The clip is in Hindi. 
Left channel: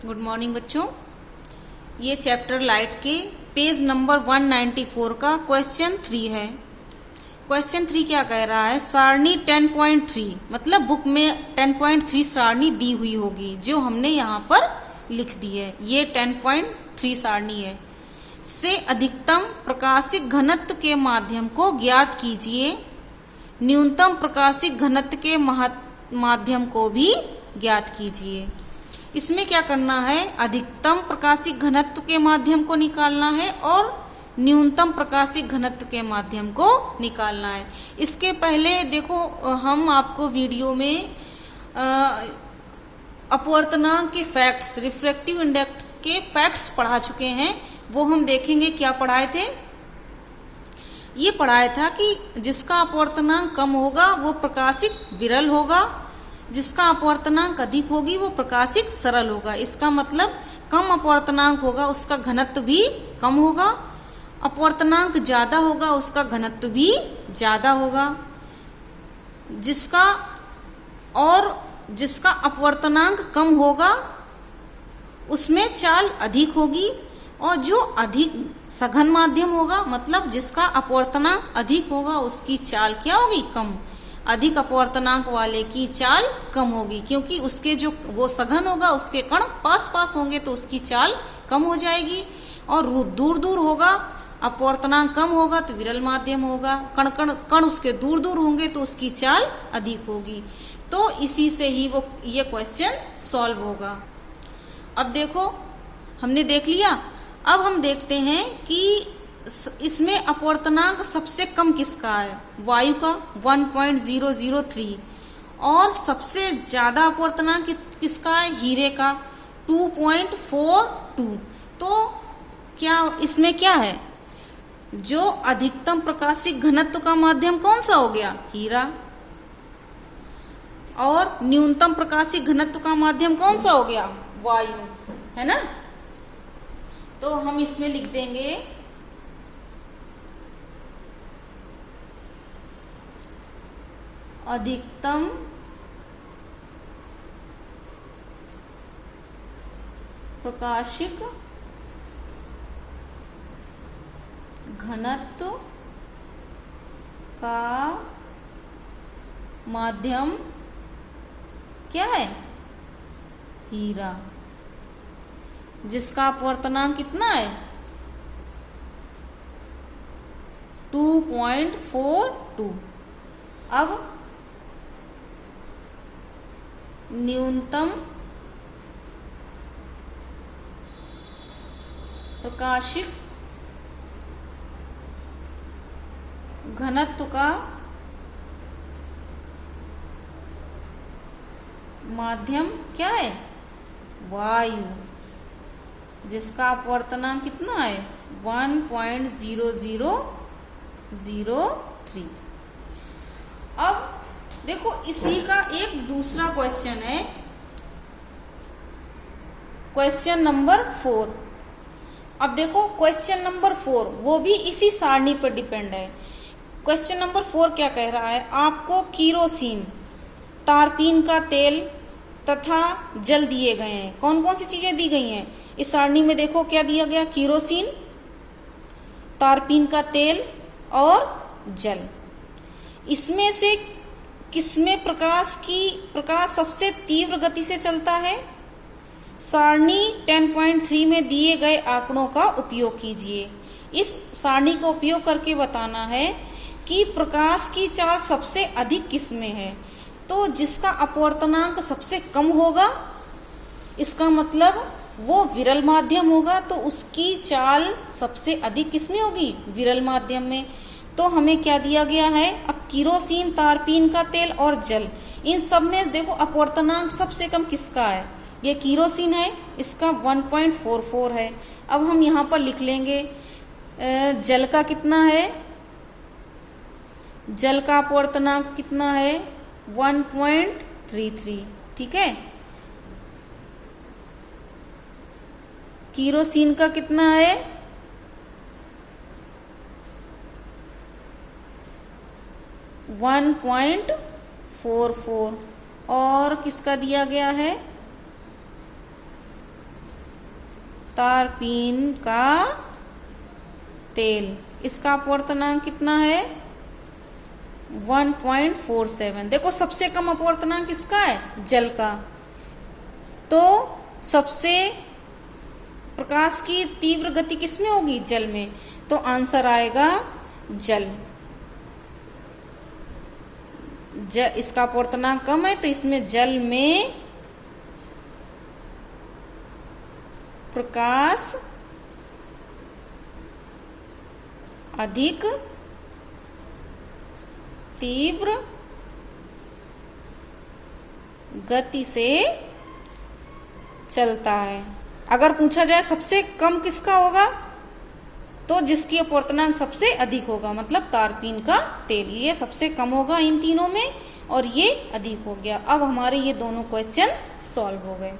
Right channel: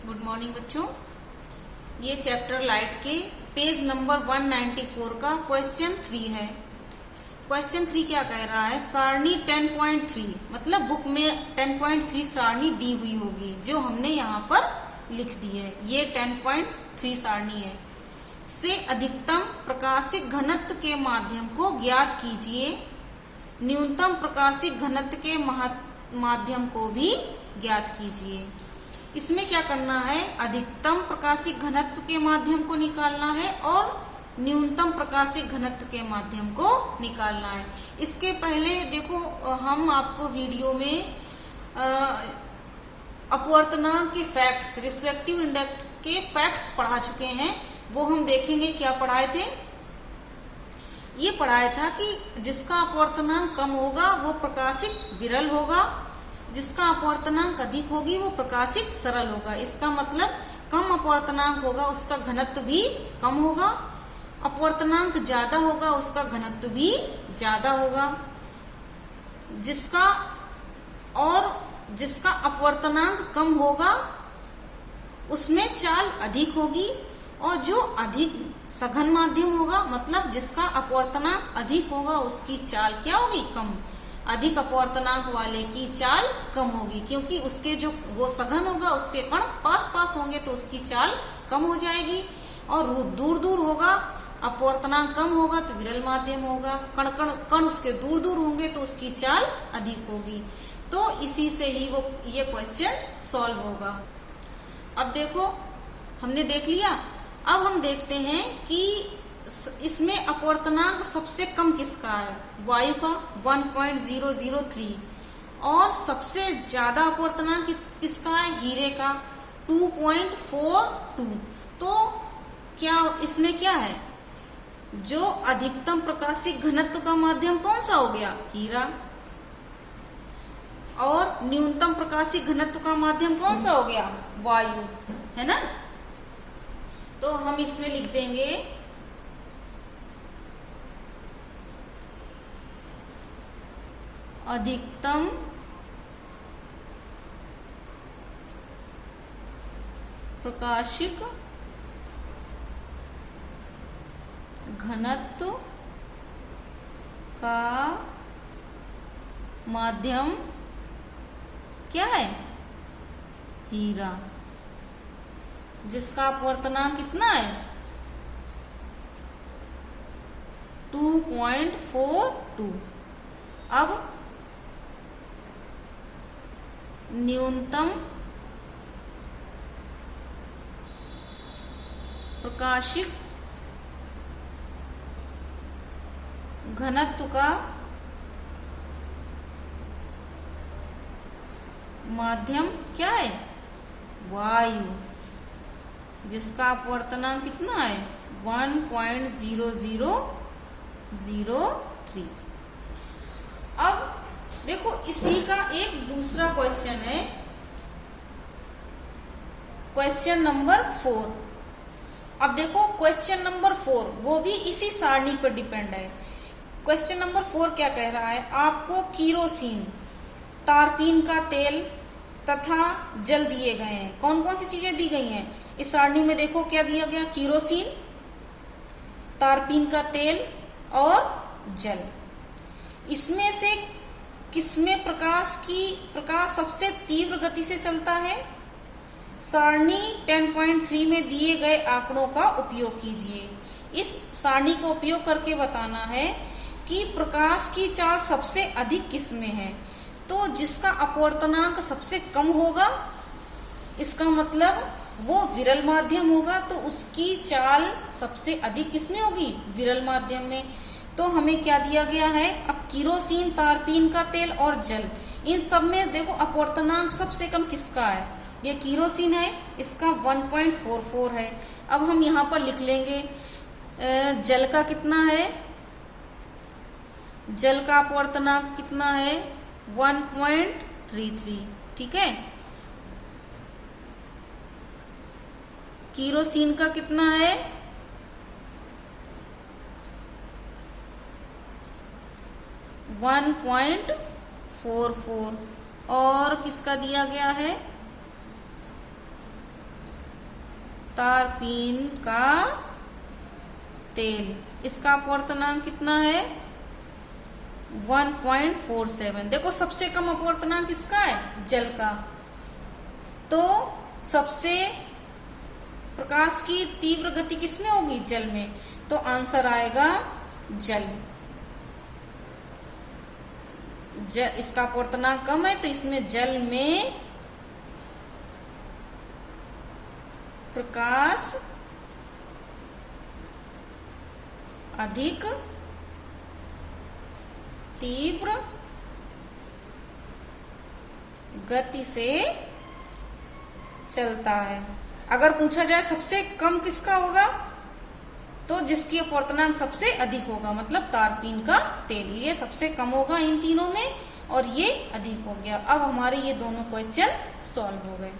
गुड मॉर्निंग बच्चों। ये चैप्टर लाइट के पेज नंबर 194 का क्वेश्चन 3 है। क्वेश्चन 3 क्या कह रहा है? सारणी 10.3 मतलब बुक में 10.3 सारणी दी हुई होगी जो हमने यहाँ पर लिख दी है। ये 10.3 सारणी है। से अधिकतम प्रकाशिक घनत्व के माध्यम को ज्ञात कीजिए। न्यूनतम प्रकाशिक घनत्व के माध्यम को भी ज्ञात कीजिए। इसमें क्या करना है? अधिकतम प्रकाशिक घनत्व के माध्यम को निकालना है और न्यूनतम प्रकाशिक घनत्व के माध्यम को निकालना है। इसके पहले देखो, हम आपको वीडियो में अपवर्तनांक के फैक्ट्स, रिफ्रैक्टिव इंडेक्स के फैक्ट्स पढ़ा चुके हैं। वो हम देखेंगे। क्या पढ़ाए थे? ये पढ़ाया था कि जिसका अपवर्तनांक कम होगा वो प्रकाशिक विरल होगा, जिसका अपवर्तनांक अधिक होगी वो प्रकाशिक सरल होगा। इसका मतलब कम अपवर्तनांक होगा उसका घनत्व भी कम होगा, अपवर्तनांक ज्यादा होगा उसका घनत्व भी ज्यादा होगा। जिसका अपवर्तनांक कम होगा उसमें चाल अधिक होगी, और जो अधिक सघन माध्यम होगा मतलब जिसका अपवर्तनांक अधिक होगा उसकी चाल क्या होगी? कम। अधिक अपवर्तनांक वाले की चाल कम होगी क्योंकि उसके जो वो सघन होगा उसके कण पास पास होंगे तो उसकी चाल कम हो जाएगी। और दूर दूर होगा, अपवर्तनांक कम होगा तो विरल माध्यम होगा, कण उसके दूर दूर होंगे तो उसकी चाल अधिक होगी। तो इसी से ही वो ये क्वेश्चन सॉल्व होगा। अब देखो, हमने देख लिया। अब हम देखते हैं कि इसमें अपवर्तनांक सबसे कम किसका है? वायु का 1.003, और सबसे ज्यादा अपवर्तनांक किसका है? हीरे का 2.42। तो क्या इसमें क्या है? जो अधिकतम प्रकाशिक घनत्व का माध्यम कौन सा हो गया? हीरा। और न्यूनतम प्रकाशिक घनत्व का माध्यम कौन सा हो गया? वायु, है ना? तो हम इसमें लिख देंगे अधिकतम प्रकाशिक घनत्व का माध्यम क्या है? हीरा। जिसका अपवर्तनांक कितना है? 2.42। अब न्यूनतम प्रकाशिक घनत्व का माध्यम क्या है? वायु। जिसका अपवर्तनांक कितना है? 1.0003। अब देखो, इसी का एक दूसरा क्वेश्चन है, क्वेश्चन नंबर 4। अब देखो क्वेश्चन नंबर 4 वो भी इसी सारणी पर डिपेंड है। क्वेश्चन नंबर 4 क्या कह रहा है? आपको केरोसिन, तारपीन का तेल तथा जल दिए गए हैं। कौन कौन सी चीजें दी गई हैं इस सारणी में? देखो क्या दिया गया? केरोसिन, तारपीन का तेल और जल। इसमें से किसमें प्रकाश सबसे तीव्र गति से चलता है? सारणी 10.3 में दिए गए आंकड़ों का उपयोग कीजिए। इस सारणी का उपयोग करके बताना है कि प्रकाश की चाल सबसे अधिक किसमें है। तो जिसका अपवर्तनांक सबसे कम होगा, इसका मतलब वो विरल माध्यम होगा, तो उसकी चाल सबसे अधिक किसमें होगी? विरल माध्यम में। तो हमें क्या दिया गया है? अब केरोसिन, तारपीन का तेल और जल, इन सब में देखो अपवर्तनांक सबसे कम किसका है? ये केरोसिन है, इसका 1.44 है। अब हम यहाँ पर लिख लेंगे जल का कितना है? जल का अपवर्तनांक कितना है? 1.33। ठीक है। केरोसिन का कितना है? 1.44। और किसका दिया गया है? तारपीन का तेल, इसका अपवर्तनांक कितना है 1.47। देखो सबसे कम अपवर्तनांक किसका है, जल का। तो सबसे प्रकाश की तीव्र गति किसमें होगी, जल में। तो आंसर आएगा जल। इसका अपवर्तनांक कम है तो इसमें जल में प्रकाश अधिक तीव्र गति से चलता है। अगर पूछा जाए सबसे कम किसका होगा, तो जिसकी अपवर्तनांक सबसे अधिक होगा, मतलब तारपीन का तेल। ये सबसे कम होगा इन तीनों में और ये अधिक हो गया। अब हमारे ये दोनों क्वेश्चन सॉल्व हो गए।